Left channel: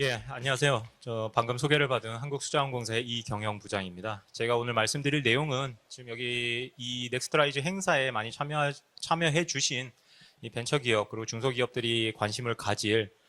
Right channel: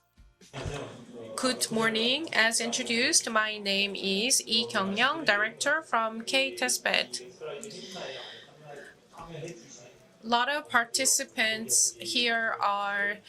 예, 안녕하세요. 저 방금 Good 소개를 받은 morning. As 한국수자원공사의 introduced, my 이경영 name 부장입니다. is 제가 Lee 오늘 Kyung-young, 말씀드릴 내용은 Director from 여기 이 K-Testbed. 넥스트라이즈 행사에 많이 참여해 주신 A lot 이 of 벤처기업 그리고 participants 중소기업들이 관심을 here 가질 are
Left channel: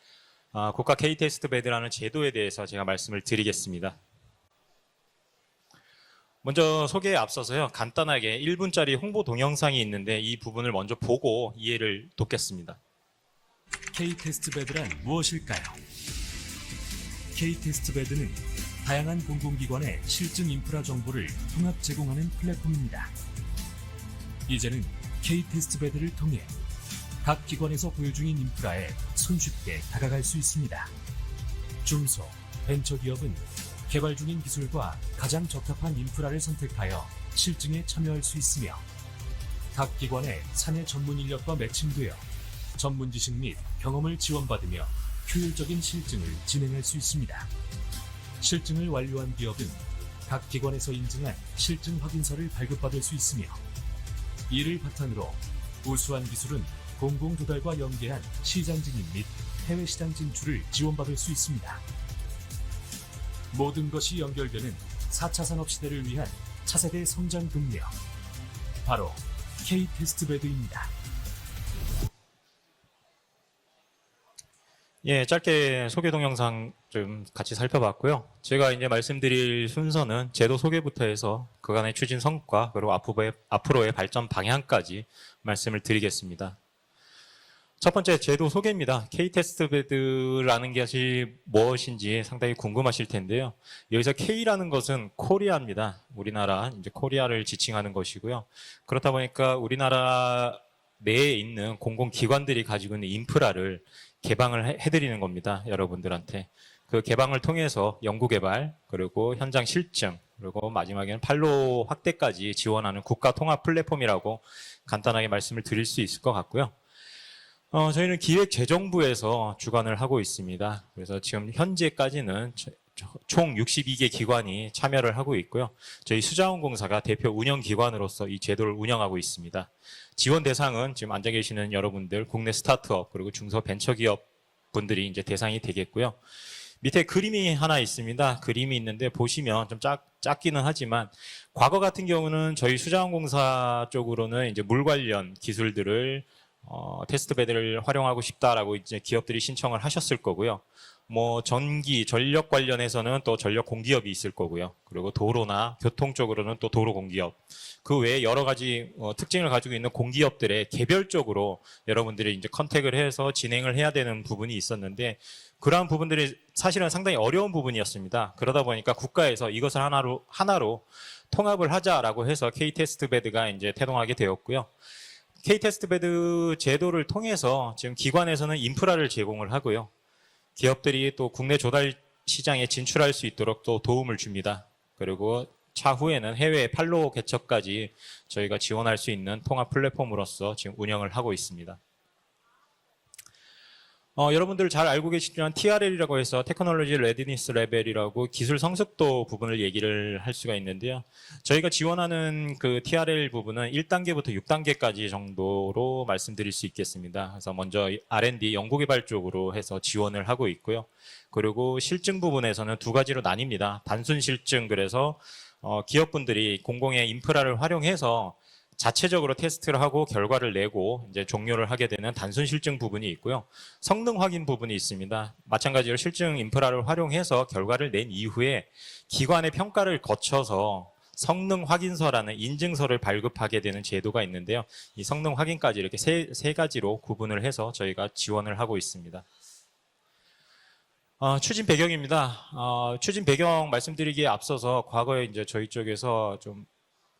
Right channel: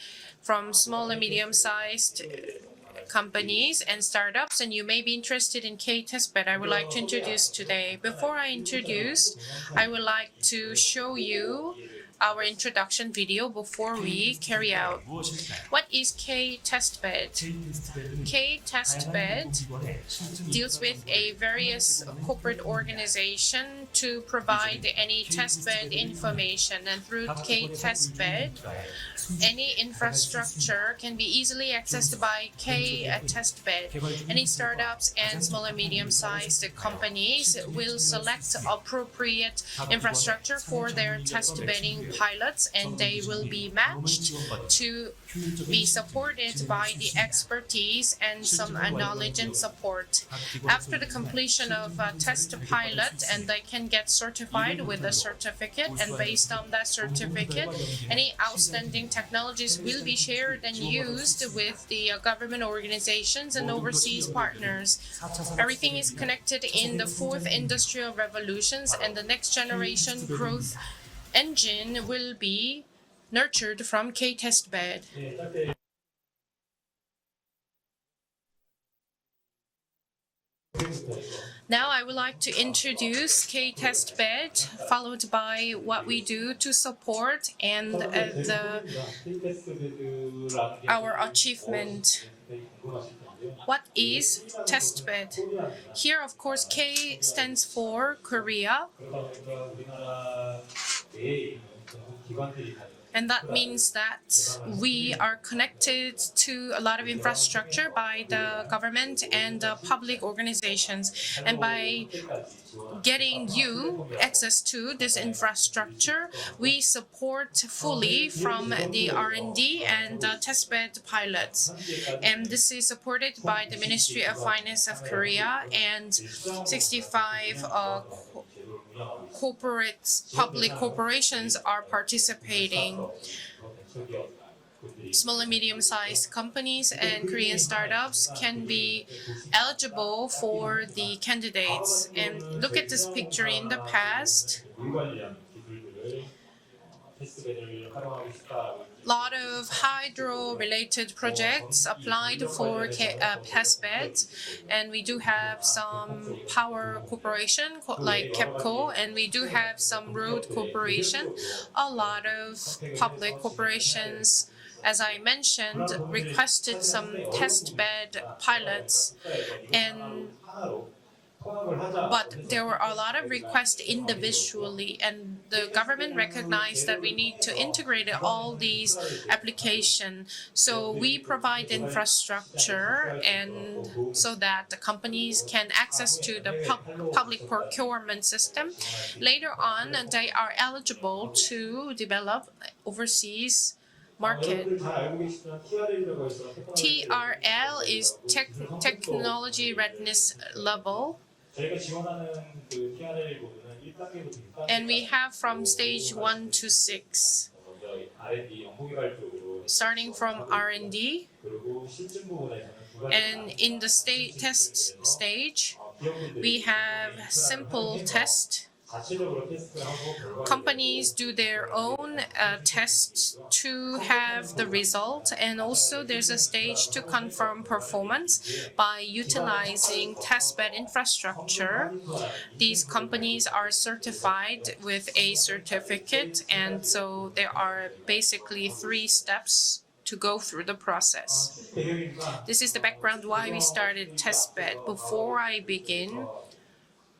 from 국가 small and K-테스트베드라는 medium-sized 제도에 대해서 제가 말씀을 companies 드리겠습니다. and startups, and you may be interested in K-Testbed. I 먼저 would like to 소개에 introduce 앞서서요. today. 간단하게 Before I 1분짜리 홍보 introduce, 동영상이 I would 있는데 like 이 부분을 to 먼저 show 보고 you 이해를 our 돕겠습니다. introduction video before we carry K-테스트베드가 out. 무엇일까요? What is K-Testbed? K-테스트베드는 다양한 K-Testbed 공공기관의 실증 deals 인프라 with 정보를 a 통합 various 제공하는 corporate 플랫폼입니다. organization to provide 이제는 any K-테스트베드를 testbed information, and through 각 기관에서 보여주는 K-Testbed, 인프라에 any 손쉽게 다가갈 수 있습니다. infrastructure can be easily accessed 중소, by 벤처기업은 K-Testbed. 개발 중인 Any 기술과 startups 가장 and small and 적합한 인프라를 medium-sized 선택하여 companies 실증에 will 참여할 수 select 있으며 appropriate 각 기관의 infrastructure 사내 for their 전문 인력과 test-bedding 매칭되어 pilots, and 전문 they 지식 will 및 be 경험을 matched 지원받으며 to 효율적인 be 실증을 supported 진행할 by 수 the 있습니다. expertise and some 실증을 완료한 knowledge and 기업은 support. 각 기관에서 After the 인증한 completion of 실증 a 확인서를 test 발급받을 pilot, 수 and 있으며 they can get certified 이를 with a 바탕으로 certificate, and 우수한 based 기술은 on that certificate, 공공기관과 연계한 any 시장 outstanding 진입 및 technologies 해외 will 시장 be shared 진출을 and 지원받을 수 used 있습니다. with the government organizations and 모든 것이 overseas 연결되는 partners. 4차 산업 Everything 시대를 is 위한 connected in 차세대 the fourth 성장 동력 industrial revolutions, 바로 and the next generation growth K-테스트베드입니다. engine will be nurtured from K-Testbed. 예, 짧게 소개 동영상 좀 같이 살펴봤고요. 제가 이제 말씀드릴 순서는 제도 소개부터 해서 Now 그간의 I 추진 would like to 성과 그리고 introduce 앞으로의 발전 K-Testbed, 방향까지 followed by 말씀을 what we 드리겠습니다. do to support and 첫 번째 제도 the 소개입니다. K-테스트베드라는 것이 our achievement. 무엇인지 상당히 궁금하실 텐데요. What 여기서 is K라는 것은 testbed? 코리아입니다. Here, of 우리나라 course, 이제 K 코리아를 stands 지칭하는 for 것이고요. Korea. 그렇다 보니까 우리나라 내에 있는 공공기관들이 가지고 있는 And that 인프라를 means that 개방을 we 해드리는 are 겁니다. connected 여러분들한테. to a lot 그 of 개방을 infrastructure 통해서 by 연구개발 the government 그리고 and 현장 the 실증 public 그리고 organizations. 마지막에는 판로 And by 확대까지 지원하는 국가 getting 통합 you 플랫폼이라고 access to this 간단하게 말씀을 드릴 수 있을 infrastructure, 것 같고요. we support 저희는 fully from the 기획재정부에서 R&D 주관을 하고 and the 있습니다. testbed 그래서 지금 pilots. 현재까지는 And this is supported 총 by the 62개 Ministry of 기관이 Finance of 참여를 하고 Korea 있고요. and 저희 수자원공사가 대표 운영 65 기관으로서 이 제도를 운영하고 있습니다. corporate 지원 public 대상은 지금 앉아 corporations 계시는 are 여러분들, 국내 participating. 스타트업 그리고 중소벤처기업 분들이 이제 Small and 대상이 되겠고요. medium-sized companies 밑에 and 그림이 Korean 하나 startups 있습니다. can 그림이 be 있는데 보시면 좀 eligible 작기는 for 하지만 the candidates. 과거 같은 And 경우는 look 저희 at this picture in the 수자원공사 쪽으로는 past. 이제 물 관련 기술들을 테스트베드를 활용하고 싶다라고 이제 기업들이 신청을 하셨을 거고요. 뭐 전기, 전력 관련해서는 또 전력 공기업이 있을 거고요. 그리고 도로나 교통 쪽으로는 또 도로 공기업. 그 외에 여러 가지 특징을 가지고 있는 공기업들의 개별적으로 여러분들이 이제 컨택을 해서 진행을 해야 되는 부분이 있었는데 그러한 부분들이 사실은 상당히 어려운 부분이었습니다. 그러다 보니까 국가에서 이것을 하나로 통합을 하자라고 해서 K-테스트베드가 이제 태동하게 되었고요. K-테스트베드 제도를 통해서 지금 기관에서는 인프라를 제공을 하고요. 기업들이 또 국내 조달 시장에 진출할 수 있도록 또 도움을 줍니다. 그리고 차후에는 해외 판로 개척까지 저희가 지원할 수 있는 통합 플랫폼으로서 지금 운영을 하고 있습니다. 여러분들 잘 알고 계시지만 TRL이라고 해서 테크놀로지 레디니스 레벨이라고 기술 성숙도 부분을 얘기를 할 수가 있는데요. 저희가 지원하는 그 TRL 부분은 1단계부터 6단계까지 정도로 말씀드릴 수 있겠습니다. 그래서 먼저 R&D 연구개발 쪽으로 해서 지원을 하고 있고요. 그리고 실증 부분에서는 두 가지로 나뉩니다. 단순 실증, 그래서 기업분들이 공공의 인프라를 활용해서 자체적으로 테스트를 하고 결과를 내고 이제 종료를 하게 되는 단순 실증 부분이 있고요. 성능 확인 부분이 있습니다. 마찬가지로 실증 인프라를 활용해서 결과를 낸 이후에 기관의 평가를 거쳐서 성능 확인서라는 인증서를 발급하게 되는 제도가 있는데요. 이 성능 확인까지 이렇게 세 가지로 부분을 해서 저희가 지원을 하고 있습니다. 추진 배경입니다. 추진 배경 말씀드리기에 앞서서 과거에 이제 저희 쪽에서 좀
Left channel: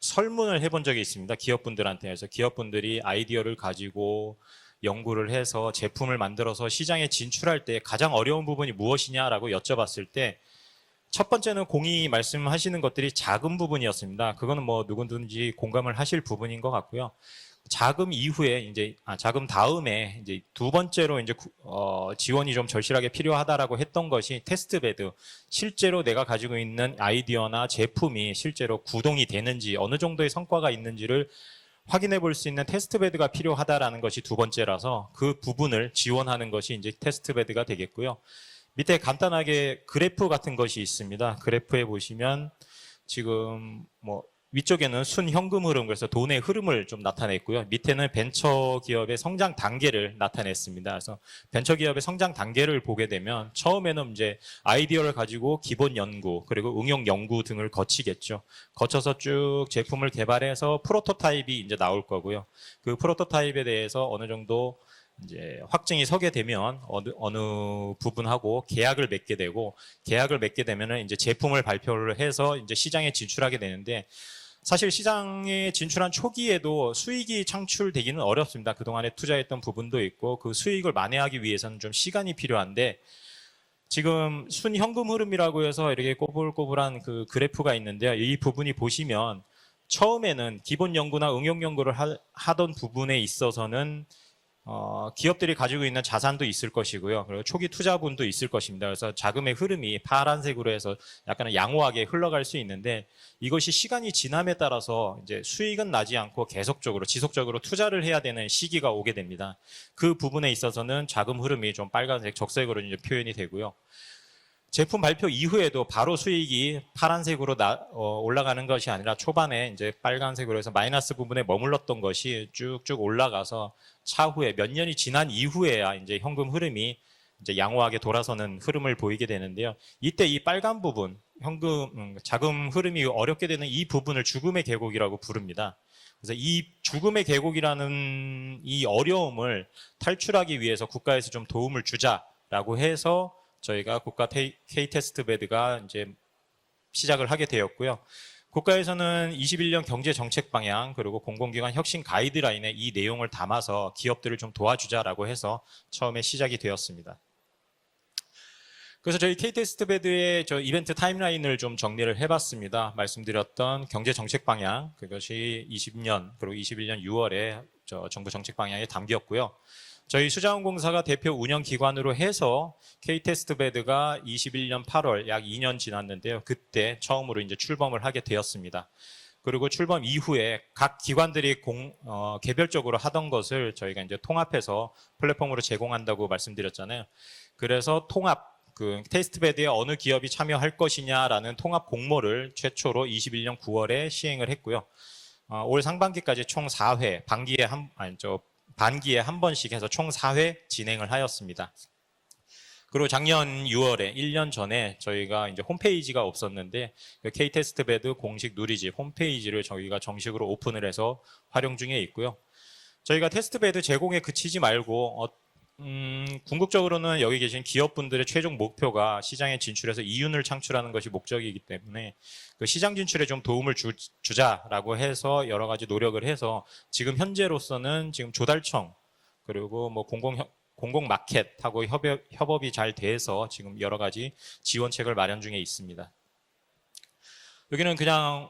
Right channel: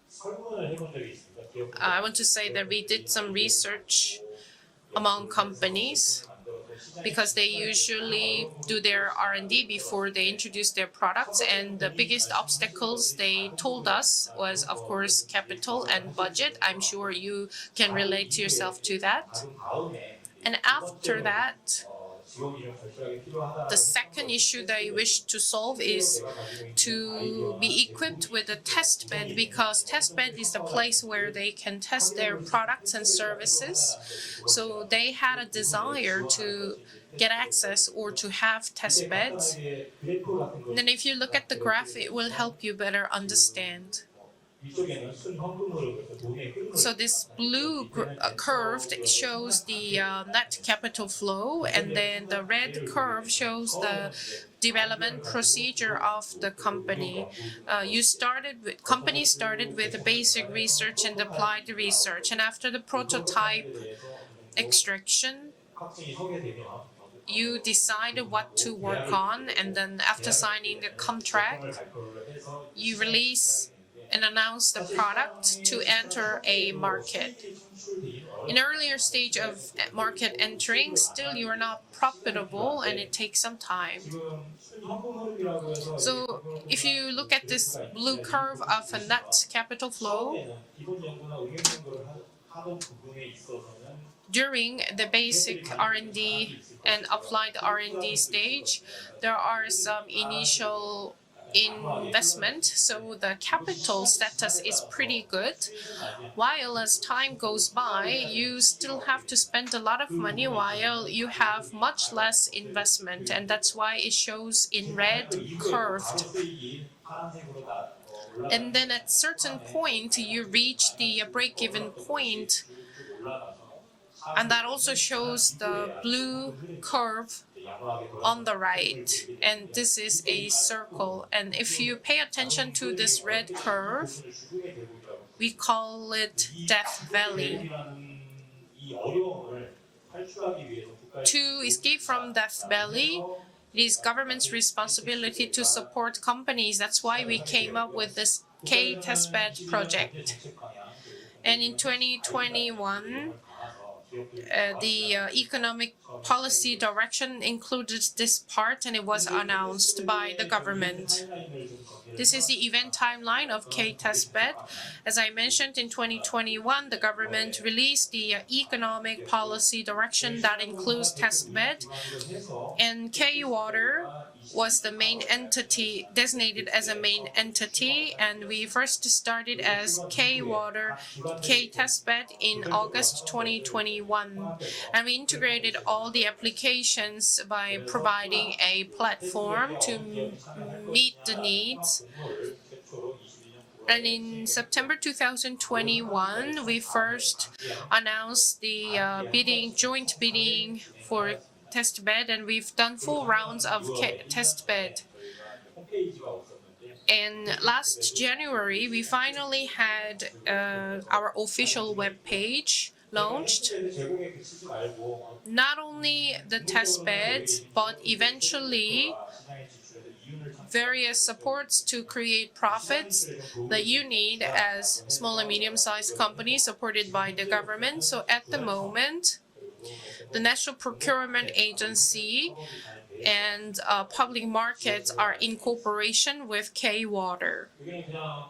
설문을 해본 적이 있습니다. 기업분들한테. 기업분들이 아이디어를 가지고 연구를 해서 제품을 만들어서 시장에 진출할 때 가장 어려운 부분이 무엇이냐라고 여쭤봤을 때 첫 번째는 공이 말씀하시는 것들이 자금 부분이었습니다. 그거는 뭐 누구든지 공감을 하실 부분인 것 같고요. 자금 이후에 이제 자금 다음에 이제 두 번째로 이제 지원이 좀 절실하게 필요하다라고 했던 것이 테스트베드. 실제로 내가 가지고 있는 아이디어나 제품이 실제로 구동이 되는지 어느 정도의 성과가 있는지를 확인해 볼 수 있는 테스트베드가 필요하다라는 것이 두 번째로 부분이라서 they 그 had a 부분을 desire 지원하는 to 것이 이제 테스트 get 베드가 access 되겠고요. or to have 밑에 test beds. 간단하게 그래프 같은 것이 And then if you 있습니다. look at the 그래프에 graph, it will 보시면 help you better 지금 understand. 뭐 위쪽에는 순현금 흐름, 그래서 돈의 흐름을 So 좀 this 나타냈고요. blue 밑에는 벤처 curve, 기업의 it 성장 shows 단계를 the, net 나타냈습니다. capital 그래서 flow, 벤처 and 기업의 then 성장 the 단계를 red 보게 curve 되면 shows 처음에는 the 이제 아이디어를 development 가지고 procedure 기본 of 연구 the 그리고 응용 company. 연구 등을 You 거치겠죠. started with- 거쳐서 company 쭉 started with 제품을 the basic 개발해서 research and 프로토타입이 applied 이제 나올 research. 거고요. And after the 그 프로토타입에 prototype 대해서 어느 정도 extraction, 이제 확증이 서게 되면 어느 you decide 부분하고 what to 계약을 work 맺게 on, 되고 and then after 계약을 맺게 signing 되면은 the 이제 제품을 contract, 발표를 해서 이제 시장에 release 진출하게 되는데 and announce 사실 the product 시장에 to 진출한 enter a 초기에도 market. 수익이 창출되기는 In 어렵습니다. earlier 그동안에 stage 투자했던 of 부분도 market 있고 그 수익을 entering, 만회하기 still you are 위해서는 not 좀 시간이 profitable and 필요한데 it takes some time. 지금 순현금 흐름이라고 해서 이렇게 So 꼬불꼬불한 if you 그 look at this 그래프가 있는데요. blue 이 curve 부분이 of a 보시면 net capital flow, 처음에는 기본 연구나 응용 연구를 하던 부분에 있어서는 during the 기업들이 basic 가지고 있는 R&D 자산도 있을 and 것이고요. 그리고 applied 초기 R&D 투자분도 있을 stage, 것입니다. 그래서 there 자금의 are 흐름이 some 파란색으로 해서 initial 약간 양호하게 흘러갈 수 investment, 있는데 so the 이것이 capital 시간이 지남에 status is 따라서 pretty 이제 good. 수익은 나지 않고 While 계속적으로 as time 지속적으로 goes 투자를 by, 해야 되는 you 시기가 still 오게 have to 됩니다. spend a lot 그 of 부분에 money 있어서는 while you 자금 have 흐름이 좀 much 빨갛게 less 적색으로 이제 investment, 표현이 and 되고요. that's why it shows in 제품 발표 red 이후에도 curve. 바로 수익이 파란색으로 올라가는 And 것이 then 아니라 at 초반에 certain point, 이제 빨간색으로 해서 you 마이너스 reach the 부분에 break-even 머물렀던 것이 point. 쭉쭉 올라가서 차후에 And that 몇 년이 also 지난 shows 이후에야 the 이제 현금 blue 흐름이 curve 이제 양호하게 돌아서는 on the 흐름을 right. 보이게 되는데요. And this is 이때 이 a 빨간 부분, circle. And if you 현금 pay 자금 attention to 흐름이 this 어렵게 red 되는 이 curve, 부분을 죽음의 계곡이라고 we 부릅니다. call 그래서 it 이 death 죽음의 valley. 계곡이라는 이 어려움을 탈출하기 위해서 국가에서 좀 To 도움을 escape from death 주자라고 valley 해서 is 저희가 국가 government's responsibility to K-테스트베드가 이제 support companies. That's why 시작을 we 하게 came 되었고요. up with this 국가에서는 K-testbed 21년 경제 project. 정책 방향 그리고 공공기관 And in 혁신 가이드라인에 이 2021, 내용을 담아서 기업들을 좀 The 도와주자라고 해서 economic 처음에 시작이 policy 되었습니다. direction included this part, and it 그래서 was 저희 announced by K-테스트베드의 the 저 이벤트 government. 타임라인을 좀 정리를 This is the 해봤습니다. event timeline of 말씀드렸던 경제 정책 K-testbed. 방향 As I 그것이 mentioned, in 20년 그리고 2021, the 21년 6월에 government released 정부 the 정책 방향이 economic 담겼고요. policy 저희 direction that 수자원공사가 includes 대표 운영 testbed. 기관으로 해서 And K-테스트베드가 was 21년 the 8월 main 약 2년 entity 지났는데요. designated as a 그때 main 처음으로 이제 entity, 출범을 하게 and we 되었습니다. first started 그리고 as 출범 이후에 K-Water, 각 기관들이 K-testbed in 개별적으로 August 하던 것을 저희가 이제 2021. 통합해서 And we 플랫폼으로 integrated all 제공한다고 the 말씀드렸잖아요. applications by 그래서 통합 providing a 그 platform 테스트베드에 어느 to 기업이 참여할 meet the 것이냐라는 통합 needs. 공모를 최초로 21년 9월에 And in 시행을 했고요. September 올 상반기까지 2021, 총 we 4회, first 반기에 announced the 한 번씩 bidding, 해서 총 joint 4회 bidding 진행을 for 하였습니다. testbed, and we've done 그리고 4 작년 rounds of 6월에 1년 전에 testbed. 저희가 이제 홈페이지가 없었는데 And K-테스트베드 last 공식 January, 의리지 we 홈페이지를 finally 저희가 had 정식으로 오픈을 해서 our 활용 official 중에 web 있고요. page 저희가 launched. 테스트베드 제공에 그치지 말고 Not only the 궁극적으로는 여기 testbeds, 계신 but 기업분들의 최종 eventually 목표가 시장에 진출해서 이윤을 창출하는 것이 various 목적이기 supports to 때문에 create 그 시장 profits 진출에 좀 도움을 that you need 주자라고 as small 해서 and 여러 가지 medium-sized 노력을 해서 companies supported 지금 by the 현재로서는 government. So 지금 at the 조달청 moment, 그리고 뭐 the National Procurement 공공마켓하고 Agency 협업이 잘 돼서 지금 and 여러 가지 public markets 지원책을 are 마련 중에 in 있습니다. cooperation with K-Water. 여기는 그냥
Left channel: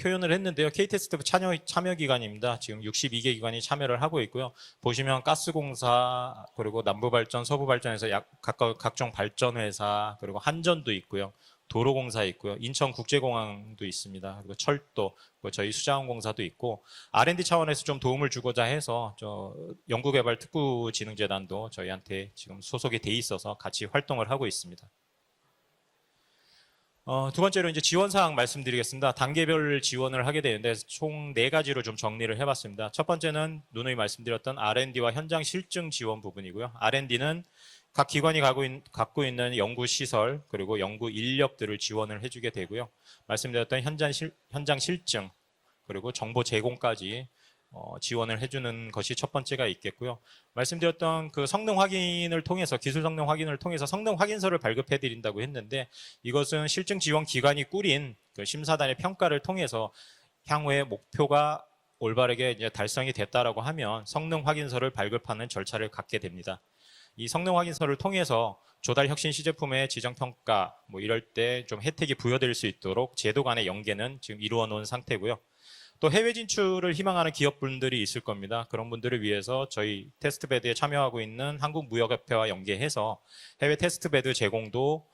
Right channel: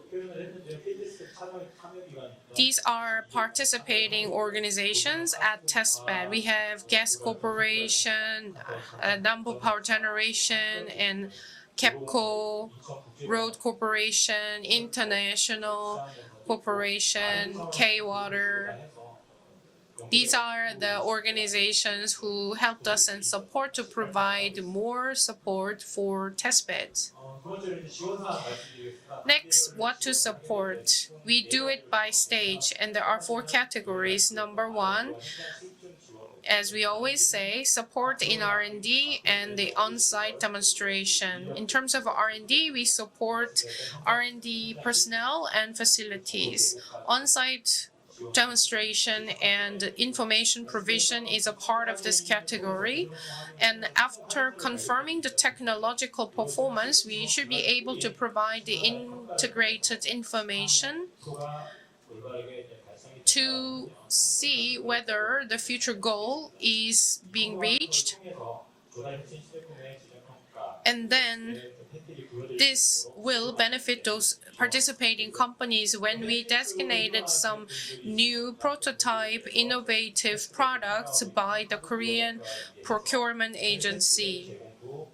표현을 했는데요. K-테스트 참여 기관입니다. These 지금 62개 are 기관이 참여를 하고 participating 있고요. organizations 보시면 at 가스공사 testbed. We have 그리고 gas 남부발전, 서부발전에서 corporation, 각종 Nambu 발전 Power 회사 그리고 한전도 Generation, 있고요. 도로공사 KEPCO, 있고요. Road 인천국제공항도 있습니다. Corporation, 철도, 저희 International 수자원공사도 있고 Corporation, R&D 차원에서 좀 도움을 K-Water. 주고자 해서 저 These 연구개발 are the 특구진흥재단도 organizations 저희한테 who 지금 helped 소속이 us 돼 and 있어서 support 같이 to 활동을 하고 provide 있습니다. more support for testbeds. 두 번째로 이제 지원 사항 말씀드리겠습니다. 단계별 Next, what to 지원을 하게 되는데 support. 총 We 네 do 가지로 it 좀 by 정리를 stage, 해봤습니다. and 첫 there are 번째는 4 누누이 categories. 말씀드렸던 Number R&D와 one, 현장 실증 지원 부분이고요. as we always R&D는 say, 각 support 기관이 in 갖고 R&D 있는 and the 연구 시설 on-site 그리고 연구 demonstration. In 인력들을 terms of 지원을 해주게 R&D, 되고요. we support 말씀드렸던 현장 R&D 실증 personnel and 그리고 정보 facilities. 제공까지 On-site 지원을 해주는 것이 demonstration 첫 번째가 and 있겠고요. information 말씀드렸던 provision 그 is a 성능 part of this 확인을 통해서 category. 기술 성능 확인을 And 통해서 성능 after 확인서를 발급해 confirming the 드린다고 했는데 technological 이것은 실증 performance, 지원 we should 기관이 be able 꾸린 to 그 provide 심사단의 the 평가를 통해서 integrated 향후의 information 목표가 올바르게 이제 달성이 됐다라고 to 하면 성능 see 확인서를 whether 발급하는 the 절차를 future 갖게 goal 됩니다. is 이 being 성능 확인서를 reached. 통해서 조달 혁신 시제품의 지정 평가 뭐 And 이럴 then 때 좀 혜택이 부여될 수 This 있도록 제도 will 간의 benefit 연계는 those 지금 이루어 놓은 participating 상태고요. companies 또 when 해외 we 진출을 희망하는 designated some 기업분들이 있을 new 겁니다. 그런 분들을 prototype 위해서 저희 innovative 테스트베드에 참여하고 products 있는 by the Korean 한국무역협회와 연계해서 procurement 해외 테스트베드 agency. 제공도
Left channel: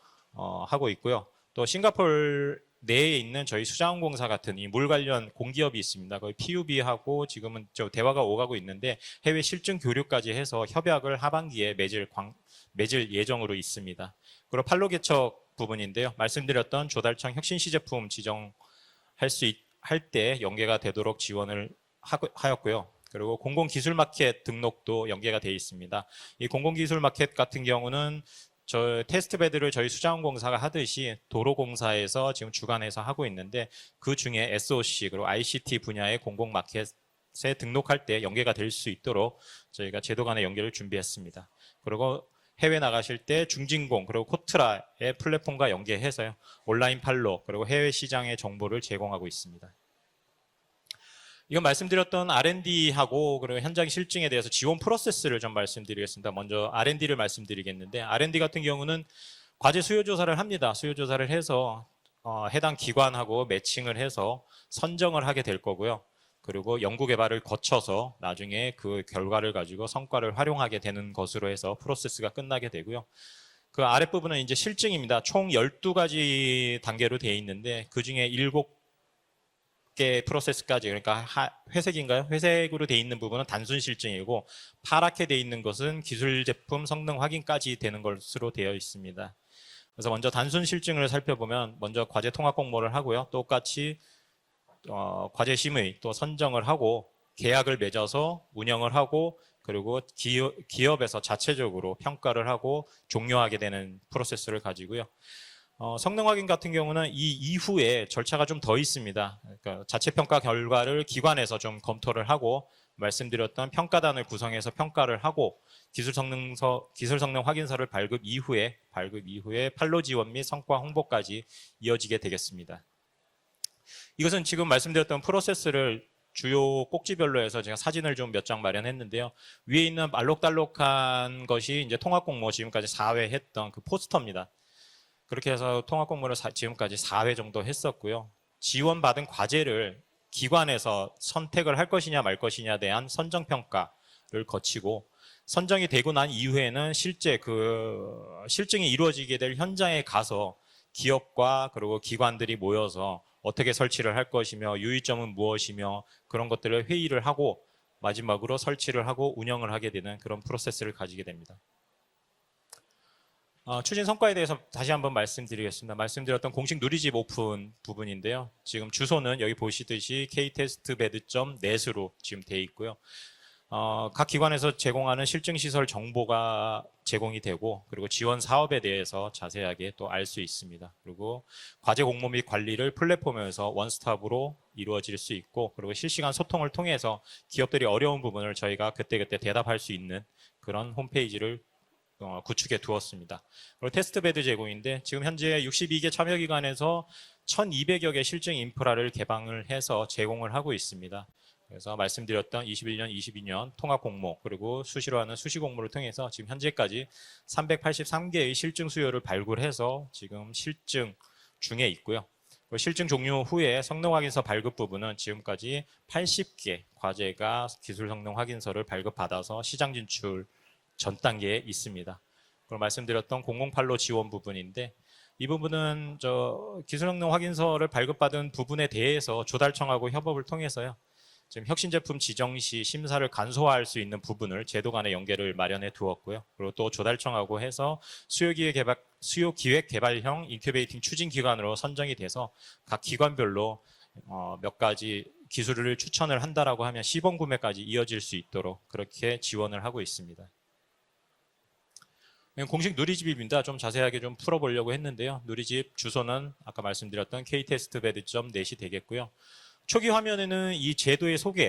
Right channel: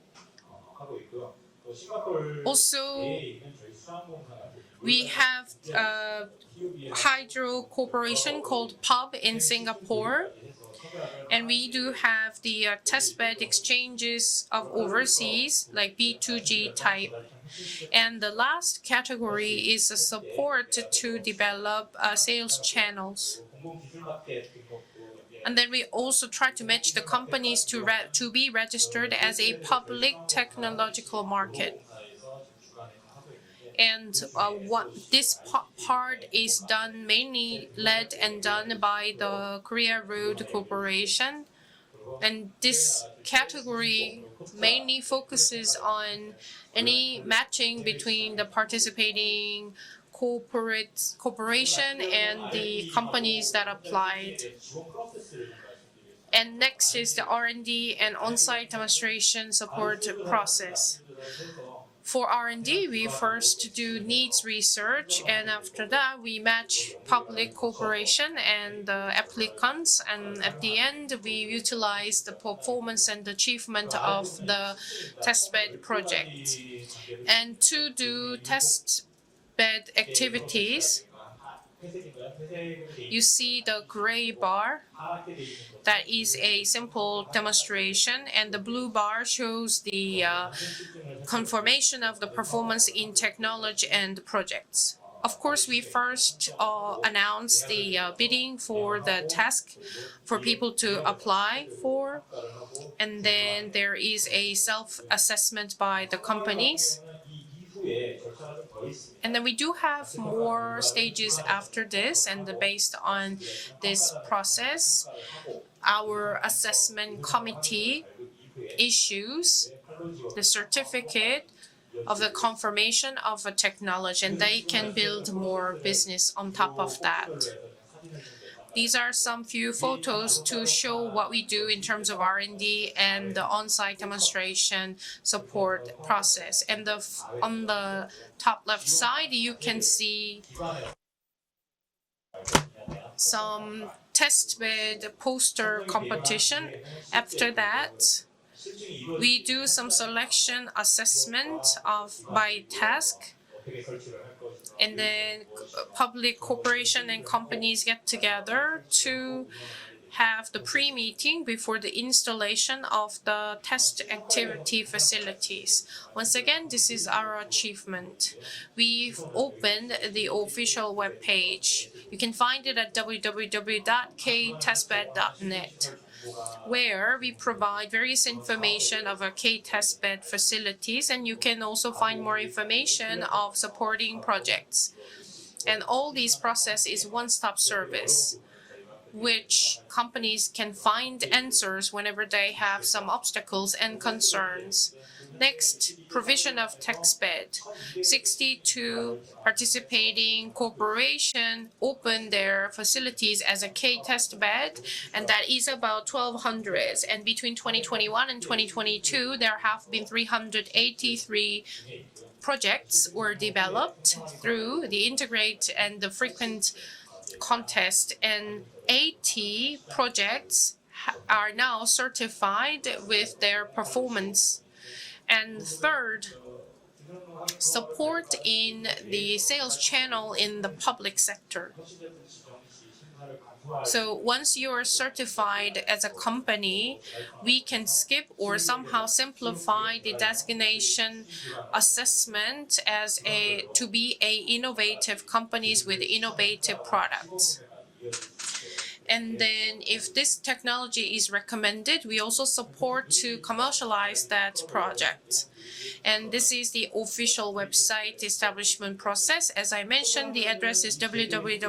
하고 있고요. 또 또 싱가포르 Also, 내에 있는 저희 수자원공사 같은 이 물 we 관련 have, 공기업이 있습니다. 거의 PUB하고 hydro 지금은 저 대화가 corporation 오가고 called 있는데 PUB in 해외 실증 Singapore, 교류까지 해서 협약을 and we 하반기에 do have the 맺을 test bed 예정으로 있습니다. exchanges 그리고 of 팔로기처 overseas, like 부분인데요. B2G 말씀드렸던 type. 조달청 혁신 시제품 And the 지정할 last category is 때 support 연계가 to 되도록 지원을 develop sales 하였고요. channels. 그리고 공공기술 마켓 등록도 연계가 되어 And then we 있습니다. also 이 try to match 공공기술 the 마켓 companies 같은 경우는 to be 저 registered as 테스트 a 베드를 저희 public 수자원공사가 하듯이 technological market. 도로공사에서 지금 주관해서 하고 있는데 And 그 중에 what SOC, 그리고 this ICT 분야의 part 공공 is 마켓에 done mainly 등록할 때 led and 연계가 될 done 수 by 있도록 the Korea 저희가 제도 간의 Road 연계를 Corporation. 준비했습니다. 그리고 And 해외 this 나가실 때 category 중진공 그리고 코트라의 mainly 플랫폼과 focuses 연계해서요. on 온라인 any 판로 그리고 matching 해외 between 시장의 the 정보를 제공하고 participating 있습니다. corporate 지금 corporation 말씀드렸던 and the R&D하고 companies 그리고 that 현장 실증에 apply. 대해서 지원 프로세스를 좀 말씀드리겠습니다. And 먼저 next is R&D를 the R&D 말씀드리겠는데 and R&D 같은 on-site 경우는 demonstration 과제 수요 support 조사를 합니다. process. 수요 조사를 해서 For 해당 R&D, we 기관하고 first do 매칭을 해서 needs research, 선정을 하게 and 될 after 거고요. that we 그리고 match 연구 개발을 public 거쳐서 corporation 나중에 and 그 the 결과를 가지고 applicants, 성과를 and at 활용하게 the 되는 end we 것으로 해서 utilize 프로세스가 the 끝나게 되고요. performance and 그 achievement of 아랫부분은 이제 the 실증입니다. 총 test bed 12가지 project. 단계로 되어 And 있는데 to 그 중에 do 7개 test bed 프로세스까지 activities, 그러니까 회색인가요? 회색으로 되어 있는 you 부분은 see 단순 the gray 실증이고 bar. 파랗게 되어 있는 것은 That is 기술 a 제품 성능 simple 확인까지 되는 demonstration, 것으로 and the 되어 blue bar 있습니다. shows the 그래서 먼저 단순 실증을 살펴보면 confirmation 먼저 of 과제 the 통합 performance 공모를 in 하고요. technology 똑같이 and projects. Of 과제 course, we 심의 또 first 선정을 하고 announce 계약을 the 맺어서 bidding 운영을 for 하고 the task 그리고 for people to 기업에서 apply 자체적으로 for, 평가를 하고 and 종료하게 then 되는 there is a 프로세스를 가지고요. self-assessment by the 성능 확인 같은 companies. 경우는 이 이후에 절차가 좀 더 있습니다. And then we do 그러니까 have 자체 평가 more 결과를 stages 기반해서 좀 after 검토를 this, 하고 and based on 말씀드렸던 평가단을 this 구성해서 process, 평가를 하고 기술 assessment 성능 확인서를 committee 발급 이후에 issues 판로 지원 및 the 성과 홍보까지 certificate 이어지게 of the 되겠습니다. confirmation of a technology, 이것은 and they 지금 can 말씀드렸던 build more 프로세스를 business on 주요 top of 꼭지별로 that. 해서 제가 사진을 좀 몇 장 These are 마련했는데요. some few 위에 있는 photos to show what we 알록달록한 do 것이 in 이제 terms of 통합공모 R&D 지금까지 4회 and the 했던 그 on-site 포스터입니다. demonstration 그렇게 해서 support 통합공모를 process. And 지금까지 4회 on 정도 the 했었고요. top left 지원받은 side, you 과제를 can see 기관에서 선택을 할 것이냐 말 것이냐에 대한 선정 평가를 test 거치고 bed poster 선정이 되고 난 competition. 이후에는 실제 After 그 that, 실증이 이루어지게 we 될 do some 현장에 가서 selection 기업과 assessment 그리고 of 기관들이 by 모여서 task. 어떻게 설치를 할 것이며 And 유의점은 then 무엇이며 public 그런 것들을 corporation 회의를 and 하고 companies get 마지막으로 together 설치를 하고 to 운영을 하게 되는 그런 have the 프로세스를 가지게 pre-meeting 됩니다. before the installation of the test 추진 성과에 대해서 activity 다시 한번 facilities. 말씀드리겠습니다. Once 말씀드렸던 again, 공식 this 누리집 is our 오픈 achievement. 부분인데요. 지금 We've 주소는 여기 opened 보시듯이 the official webpage. ktestbed.net으로 You can 지금 find 되어 it at 있고요. 각 기관에서 제공하는 실증 시설 www.ktestbed.net, 정보가 where we 제공이 되고 provide 그리고 various 지원 사업에 information 대해서 of our 자세하게 또 알 K-Testbed 수 facilities, 있습니다. and you 그리고 can also 과제 find 공모 more 및 관리를 information of 플랫폼에서 supporting 원스톱으로 projects. 이루어질 수 있고 And 그리고 all 실시간 these 소통을 processes 통해서 one-stop 기업들이 어려운 service, 부분을 저희가 그때그때 which 대답할 수 있는 companies can 그런 find 홈페이지를 answers whenever they 구축해 have some 두었습니다. obstacles and 테스트 베드 concerns. 제공인데 지금 현재 Next, 62개 참여 provision of 기관에서 text bed. 1,200여 개 실증 인프라를 62 개방을 해서 participating 제공을 하고 있습니다. corporation 그래서 open their 말씀드렸던 21년, facilities as a 22년 K-test 통합공모 bed, 그리고 수시로 and 하는 that 수시 is 공모를 about 통해서 지금 1,200. 현재까지 And between 2021 and 383개의 실증 수요를 2022, there have 발굴해서 been 지금 실증 383 중에 있고요. projects 실증 were 종료 후에 developed 성능 확인서 발급 through the 부분은 integrate 지금까지 and the frequent 80개 과제가 기술 contest, 성능 and 확인서를 발급받아서 80 시장 진출 projects 전 are 단계에 now 있습니다. 또 certified with 말씀드렸던 their 공공팔로 지원 performance. 부분인데 이 And 부분은 third, 저 기술 성능 확인서를 support 발급받은 in 부분에 대해서 the sales 조달청하고 channel 협업을 in the 통해서요. public sector. 혁신 제품 지정 시 심사를 간소화할 수 So 있는 once 부분을 you are 제도 간의 연계를 certified 마련해 as a 두었고요. company, 또 조달청하고 we can 해서 skip 수요 or somehow 기획 simplify the 개발형 인큐베이팅 designation 추진 기관으로 선정이 돼서 assessment 각 as 기관별로 to be a 몇 가지 innovative companies 기술을 with 추천을 innovative 한다라고 하면 시범 products. 구매까지 이어질 수 있도록 그렇게 And then 지원을 하고 if this 있습니다. technology is recommended, we also 공식 support to 누리집입니다. 좀 자세하게 commercialize 좀 that 풀어보려고 project. 했는데요. 누리집 And 주소는 this is 아까 the 말씀드렸던 official website establishment ktestbed.net이 되겠고요. process. As I 초기 mentioned, the 화면에는 address 이 is 제도의 소개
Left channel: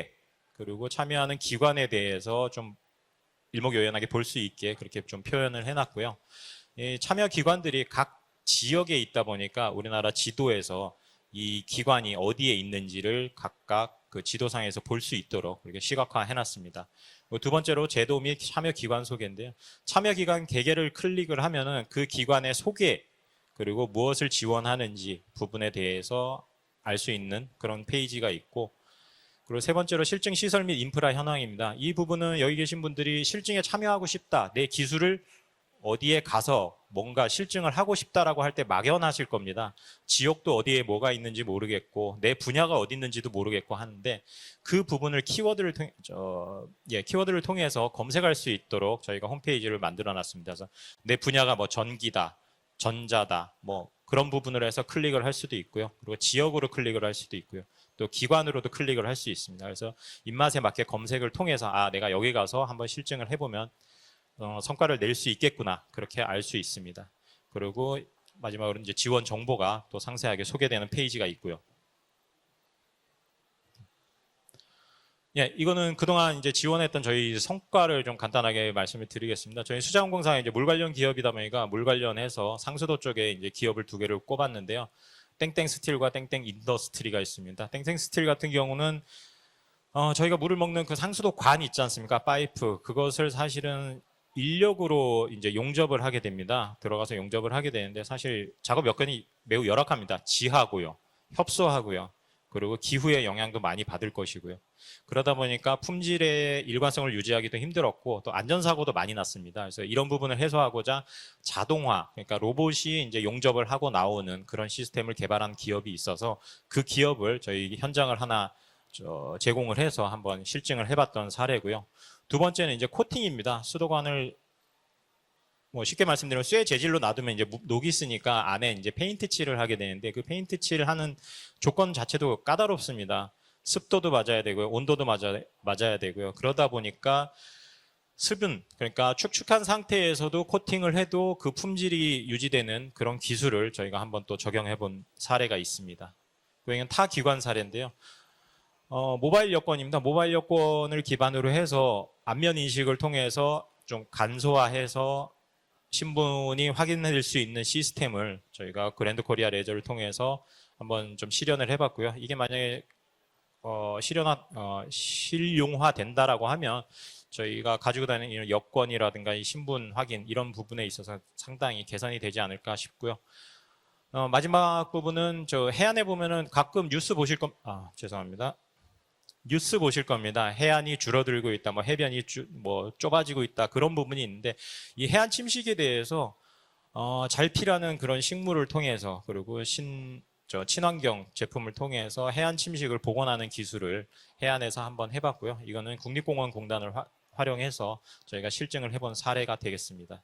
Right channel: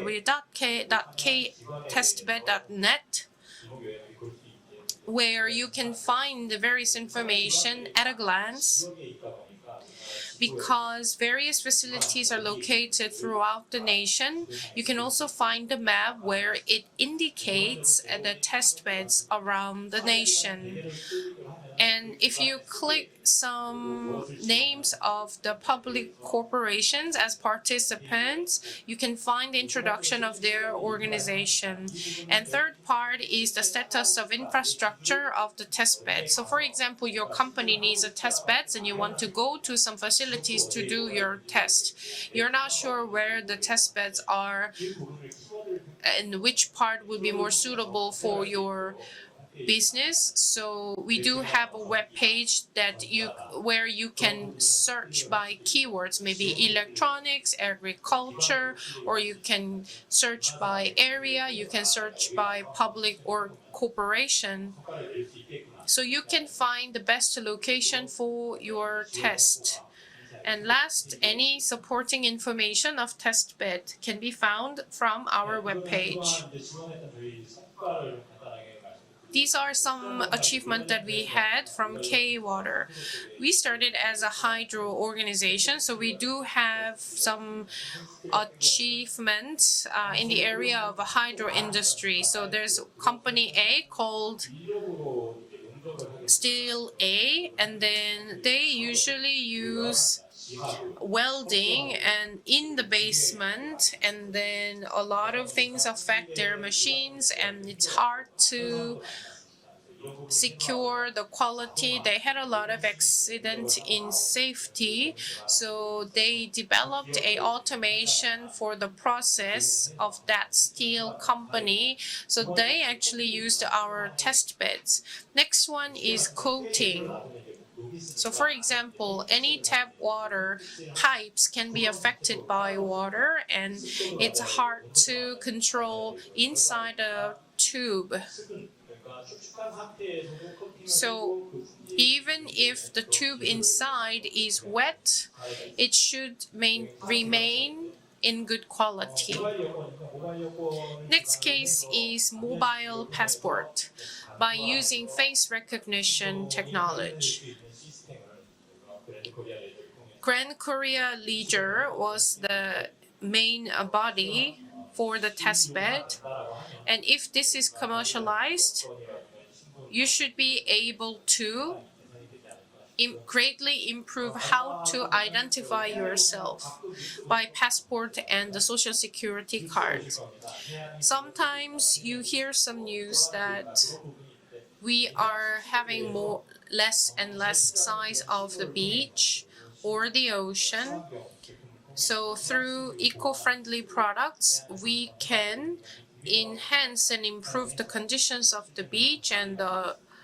그리고 참여하는 기관에 대해서 좀 www.ktestbed.net, 일목요연하게 볼 수 있게 그렇게 좀 where 표현을 you can 해놨고요. find the various 이 참여 기관들이 information at a 각 glance. 지역에 있다 보니까 우리나라 지도에서 Because 이 various 기관이 facilities are 어디에 located 있는지를 throughout the 각각 그 nation, 지도상에서 you can 볼 수 also 있도록 find the 이렇게 map where it 시각화해놨습니다. 두 번째로 indicates 제도 the 및 참여 test 기관 beds 소개인데 around the 참여 기관 nation. 개개를 클릭을 하면은 그 And if 기관의 you 소개 click some 그리고 무엇을 지원하는지 names of the 부분에 public 대해서 알 수 corporations as 있는 그런 페이지가 participants, 있고 you can find 그리고 세 번째로 introduction 실증 of 시설 their 및 인프라의 하나입니다. organization. 이 부분은 And 여기 third 계신 분들이 part is 실증에 the 참여하고 status of 싶다, 내 기술을 infrastructure of the test 어디에 bed. So 가서 for example, 뭔가 your 실증을 company 하고 needs a 싶다라고 test 할 때 bed and you want 막연하실 to go 겁니다. to some 지역도 facilities 어디에 to do 뭐가 your 있는지 test. 모르겠고 내 You're 분야가 not 어디 sure 있는지도 where the 모르겠고 test 하는데 beds are 그 부분을 키워드를 and which part would be 키워드를 more 통해서 suitable 검색할 for 수 your 있도록 저희가 홈페이지를 만들어 business. 놨습니다. So 내 we do 분야가 뭐 have a web 전기다, page that 전자다, you, where you 그런 can 부분을 해서 클릭을 search 할 수도 by 있고요. 또 keywords, maybe 지역으로 클릭을 할 수도 electronics, 있고요. 또 기관으로도 agriculture, 클릭을 할 or 수 you 있습니다. can 그래서 search 입맛에 맞게 by 검색을 area, 통해서 you can 내가 여기 search 가서 by 한번 public 실증을 or 해보면 corporation. 성과를 낼 수 있겠구나 So 그렇게 you 알 can 수 find the 있습니다. best location 그리고 for 마지막으로 your 이제 지원 test. 정보가 또 상세하게 And 소개되는 last, 페이지가 있고요. any supporting information of test bed can be found from 네, our 이거는 webpage. 그동안 이제 지원했던 저희 성과를 좀 간단하게 말씀을 These 드리겠습니다. are 저희 some 시장공사 이제 물 관련 achievement that we 기업이다 보니까 had 물 from 관련해서 K-Water. 상수도 쪽에 We 이제 기업을 두 started 개를 as a hydro 꼽았는데요. organization, so 땡땡스틸과 we do 땡땡 have 인더스트리가 some 있습니다. 땡땡스틸 같은 경우는 achievements 저희가 in the 물을 area 먹는 그 of 상수도 hydro 관 있지 industry. 않습니까? So 파이프 there's 그것을 company A 사실은 called 인력으로 이제 용접을 하게 됩니다. Steel 들어가서 A, 용접을 하게 and 되는데 then 사실 they 작업 여건이 usually 매우 use 열악합니다. 지하고요, welding 협소하고요. and in 그리고 the 기후의 영향도 많이 basement, 받을 and 것이고요. then a lot 그러다 of 보니까 things affect their 품질의 일관성을 machines, 유지하기도 and it's 힘들었고 hard 또 안전사고도 to 많이 났습니다. 그래서 이런 부분을 해소하고자 secure the quality. 자동화, They had 그러니까 a lot of 로봇이 이제 용접을 accidents 하고 in 나오는 그런 safety. 시스템을 개발한 기업이 So 있어서 they 그 developed 기업을 a 저희 현장을 하나 automation for the process 제공을 해서 of 한번 that 실증을 steel 해봤던 사례고요. company. 두 So 번째는 they 이제 actually 코팅입니다. used our 수도관을 test beds. Next 뭐 one 쉽게 is 말씀드리면 쇠 재질로 coating. 놔두면 이제 녹이 So 쓰니까 for 안에 이제 example, 페인트 칠을 any 하게 tap 되는데 그 water 페인트 칠을 하는 pipes can be 조건 자체도 affected by 까다롭습니다. water, and 습도도 맞아야 it's 되고 hard 온도도 to 맞아야 control 되고요. 그러다 inside 보니까 a tube. 수분, 그러니까 축축한 상태에서도 코팅을 해도 그 품질이 even 유지되는 if the 그런 tube 기술을 저희가 한번 또 inside is 적용해 본 wet, 사례가 It 있습니다. should 저희는 타 기관 remain 사례인데요. in good quality. 모바일 여권입니다. 모바일 여권을 기반으로 case 해서 is 안면 인식을 mobile 통해서 passport. 좀 By using 간소화해서 face recognition 신분이 확인될 technology. 수 있는 시스템을 저희가 그랜드 코리아 레저를 통해서 Grand Korea 한번 좀 실현을 Leisure 해봤고요. was 이게 the 만약에 main body for the test 실용화 bed. 된다라고 하면 And if this is 저희가 가지고 다니는 commercialized, 여권이라든가 이 신분 you 확인 should 이런 be 부분에 able 있어서 to 상당히 개선이 되지 않을까 싶고요. greatly improve how 마지막 to 부분은 저 identify 해안에 보면은 yourself 가끔 뉴스 보실 by 겁니다. passport 죄송합니다. and the social security 뉴스 보실 card. 겁니다. 해안이 줄어들고 있다, 뭐 Sometimes 해변이 you hear some news 좁아지고 있다 that 그런 부분이 있는데 We 이 해안 are 침식에 having 대해서 less and 잘 less 피라는 그런 size of 식물을 the 통해서 beach 그리고 or the ocean. 친환경 제품을 통해서 So 해안 through 침식을 복원하는 eco-friendly 기술을 products, 해안에서 we 한번 해봤고요. can 이거는 국립공원공단을 enhance and improve the 활용해서 conditions 저희가 of the 실증을 해본 beach 사례가 and the 되겠습니다.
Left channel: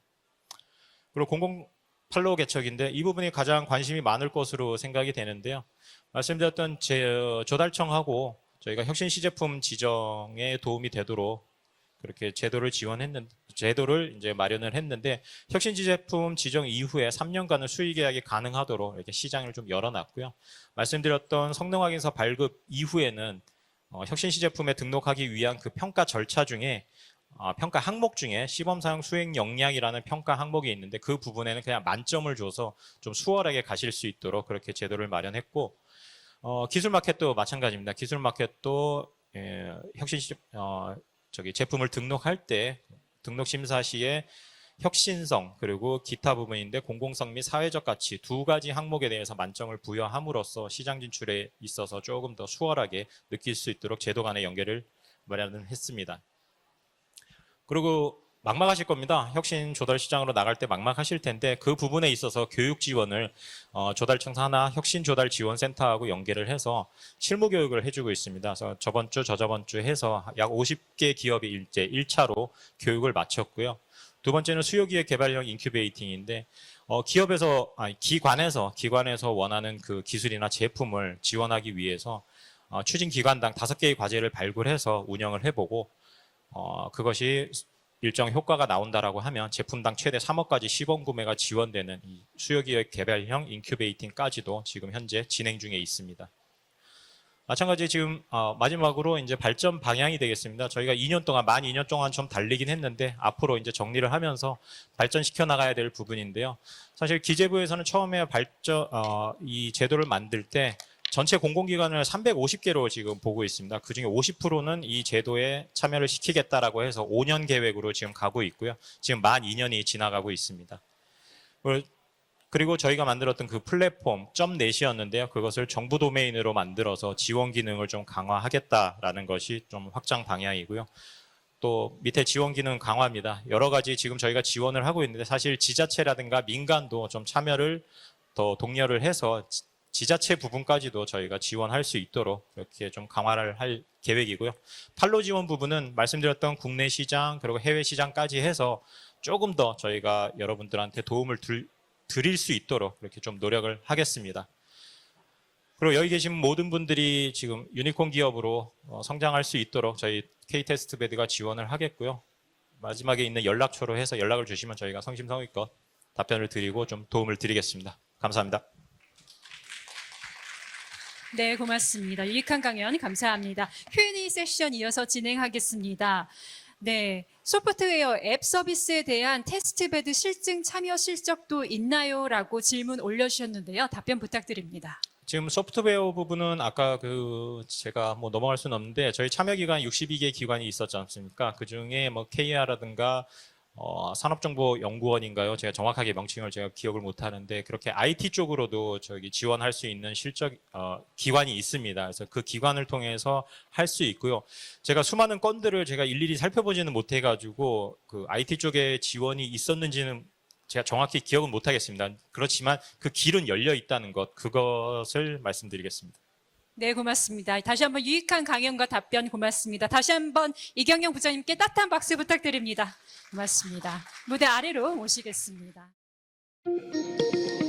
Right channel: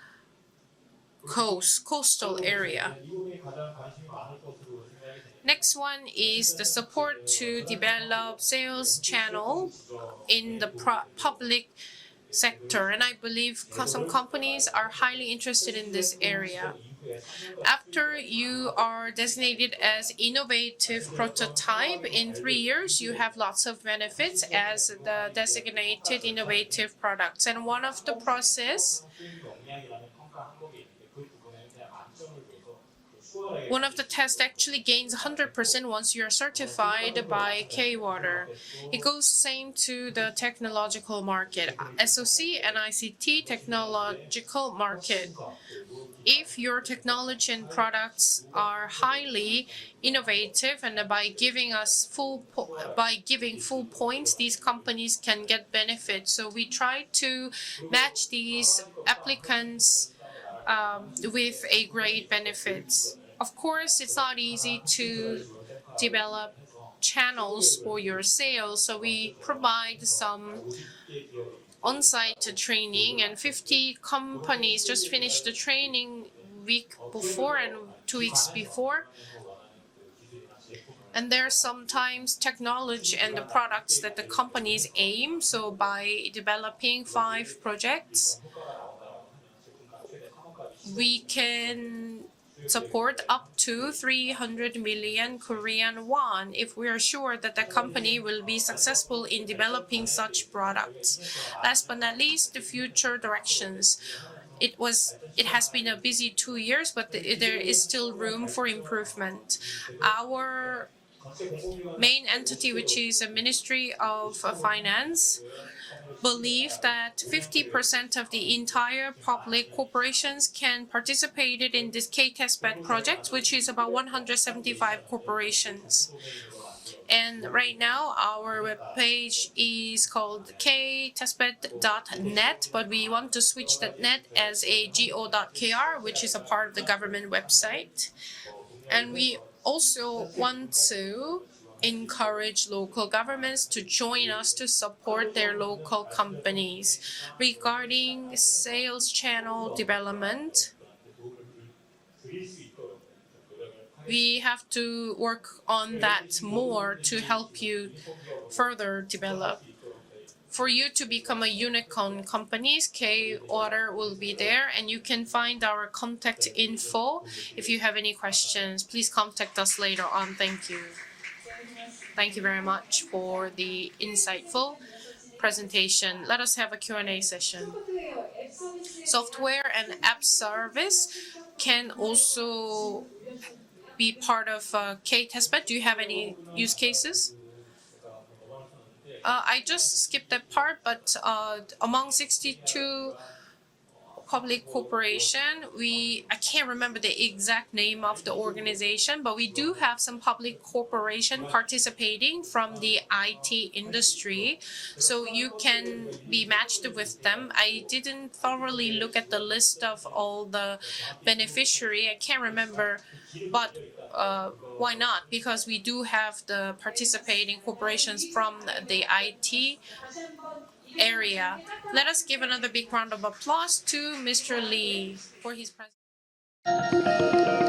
그리고 공공 coastal 철로 개척인데 area. 이 부분이 가장 관심이 많을 것으로 생각이 되는데요. Next one is the 말씀드렸던 support to 조달청하고 develop 저희가 sales 혁신 시제품 channel 지정에 in the 도움이 되도록 public 그렇게 제도를 sector. And I 지원했는 believe 제도를 some 이제 companies 마련을 are 했는데 highly interested 혁신 in this 시제품 지정 area. 이후에 3년간은 수익 After 계약이 you 가능하도록 are 이렇게 시장을 좀 designated as 열어놨고요. innovative 말씀드렸던 prototype 성동항에서 in 발급 3 years, you have 이후에는 lots of 혁신 benefits 시제품에 as 등록하기 the 위한 그 평가 designated 절차 중에 innovative products. And 평가 one of 항목 the 중에 시범 사용 process, 수행 역량이라는 평가 항목이 있는데 그 부분에는 그냥 만점을 줘서 좀 수월하게 one 가실 of 수 the tests 있도록 그렇게 actually 제도를 gains 마련했고 100% once you are certified 기술 마켓도 by 마찬가지입니다. 기술 K-Water. 마켓도 It goes same to 혁신 the technological market. 제품을 등록할 SOC 때 and ICT 등록 심사 시에 technological market. 혁신성 그리고 기타 If 부분인데 your 공공성 및 technology 사회적 가치 products 두 가지 are 항목에 대해서 highly 만점을 부여함으로써 innovative, 시장 and by 진출에 giving 있어서 us 조금 더 full 수월하게 by 느낄 giving 수 full 있도록 제도 points, 간의 these 연계를 companies can get 마련했습니다. benefits. So we try to 그리고 match these 막막하실 겁니다. 혁신 applicants 조달 시장으로 나갈 때 막막하실 텐데 with 그 a 부분에 great 있어서 교육 benefits. 지원을 Of course, it's 조달청 not 산하 easy 혁신 to 조달 지원센터하고 develop 연계를 해서 channels 실무 교육을 for 해주고 your 있습니다. 그래서 sales. 저번 주 So we 저저번 주 provide 해서 some 약 50개 기업이 이제 1차로 on-site training 교육을 and 마쳤고요. 50 두 번째는 companies 수요기획 just 개발형 finished the training 인큐베이팅인데 week 기업에서 before and 2 weeks before. 기관에서 원하는 그 기술이나 제품을 And there are 지원하기 위해서 sometimes technology 추진 and the 기관당 5개의 products that 과제를 the companies 발굴해서 aim. 운영을 So 해보고 by developing 그것이 5 projects, 일정 효과가 나온다라고 하면 제품당 최대 3억까지 시범 we 구매가 can 지원되는 수요기획 support 개발형 up to 인큐베이팅까지도 300 지금 현재 million 진행 중에 Korean 있습니다. won if we are sure that the 마찬가지 company 지금 will be 마지막으로 successful 이제 in 발전 developing 방향이 such 되겠습니다. 저희가 products. 2년 동안 만 2년 Last but 동안 not 좀 least, 달리긴 the 했는데 future 앞으로 이제 directions. 정리를 하면서 It 발전시켜 has 나가야 been 될 a busy 부분인데요. 2 years, but 사실 there is 기재부에서는 still 처음에 room for improvement. 이 제도를 만들 때 전체 공공기관을 main entity 350개로 which 지금 is a 보고 있습니다. Ministry 그중에 of 50%는 이 Finance 제도에 참여를 believe 시키겠다라고 해서 that 5년 계획으로 지금 50% of 가고 the 있고요. entire 지금 만 public 2년이 지나가고 corporations 있습니다. can participate in this K-test 그리고 bed 저희가 project, 만들었던 which 그 is about 플랫폼 .net이었는데요. 175 그것을 정부 corporations. 도메인으로 만들어서 And 지원 right 기능을 좀 now, our 강화하겠다라는 webpage 것이 좀 is 확장 called 방향이고요. K-testbed.net, 또 밑에 지원 기능 but we 강화입니다. want to 여러 switch 가지 the 지금 net 저희가 as 지원을 하고 있는데 사실 AGO.kr, which is a 지자체라든가 part of the 민간도 좀 government 참여를 website. 더 독려를 And we 해서 also 지자체 want 부분까지도 to 저희가 지원할 수 있도록 encourage 이렇게 좀 local 강화를 governments 할 to join 계획이고요. us to 판로 support 지원 their 부분은 local 말씀드렸던 국내 companies. 시장 그리고 해외 시장까지 해서 Regarding sales 조금 channel 더 저희가 development, 여러분들한테 도움을 드릴 수 있도록 이렇게 좀 노력을 we 하겠습니다. have to work on 그리고 여기 that 계신 모든 more to 분들이 help 지금 you 유니콘 기업으로 further 성장할 수 develop. 있도록 저희 for you to K-테스트베드가 become a 지원을 하겠고요. unicorn company. 마지막에 있는 K-Water 연락처로 will 해서 be 연락을 there, 주시면 and you 저희가 can find 성심성의껏 our 답변을 contact 드리고 좀 info. 도움을 If you have 드리겠습니다. any 감사합니다. questions, please contact us later on. Thank you. 네, 고맙습니다. Thank you 유익한 very 강연 much for 감사합니다. the Q&A insightful 세션 이어서 Presentation. 진행하겠습니다. Let us have a Q&A 네, session. 소프트웨어 앱 서비스에 대한 Software 테스트베드 and app 실증 참여 service 실적도 can 있나요? 라고 also 질문 올려주셨는데요. Be 답변 part of 부탁드립니다. 지금 K-test bed. Do you have 소프트웨어 any 부분은 use 아까 cases? 그 제가 뭐 넘어갈 수는 없는데 저희 I 참여 기관 just 62개 skipped that 기관이 part, 있었지 but, 않습니까? 그 중에 among 뭐 62 KR라든가 산업정보연구원인가요? 제가 정확하게 I 명칭을 can't 제가 remember 기억을 the 못하는데 exact 그렇게 name of IT the 쪽으로도 organization, but we 지원할 do 수 have 있는 some 실적 public corporation 기관이 있습니다. 그래서 그 participating 기관을 from the 통해서 IT 할 수 있고요. industry. 제가 So 수많은 you 건들을 can 제가 일일이 be 살펴보지는 matched with them. I 못해가지고 그 didn't IT 쪽에 thoroughly look at the 지원이 list of 있었는지는 all the 제가 정확히 기억은 beneficiary. 못하겠습니다. I can't 그렇지만 remember. 그 길은 열려 있다는 것 Why not? 그것을 Because we do 말씀드리겠습니다. have the 네, 고맙습니다. participating 다시 한번 corporations 유익한 from 강연과 the 답변 IT 고맙습니다. 다시 한번 이경영 area. 부장님께 따뜻한 Let 박수 us give another big 부탁드립니다. round of applause 고맙습니다. to 무대 Mr. 아래로 Lee for his 모시겠습니다. presentation.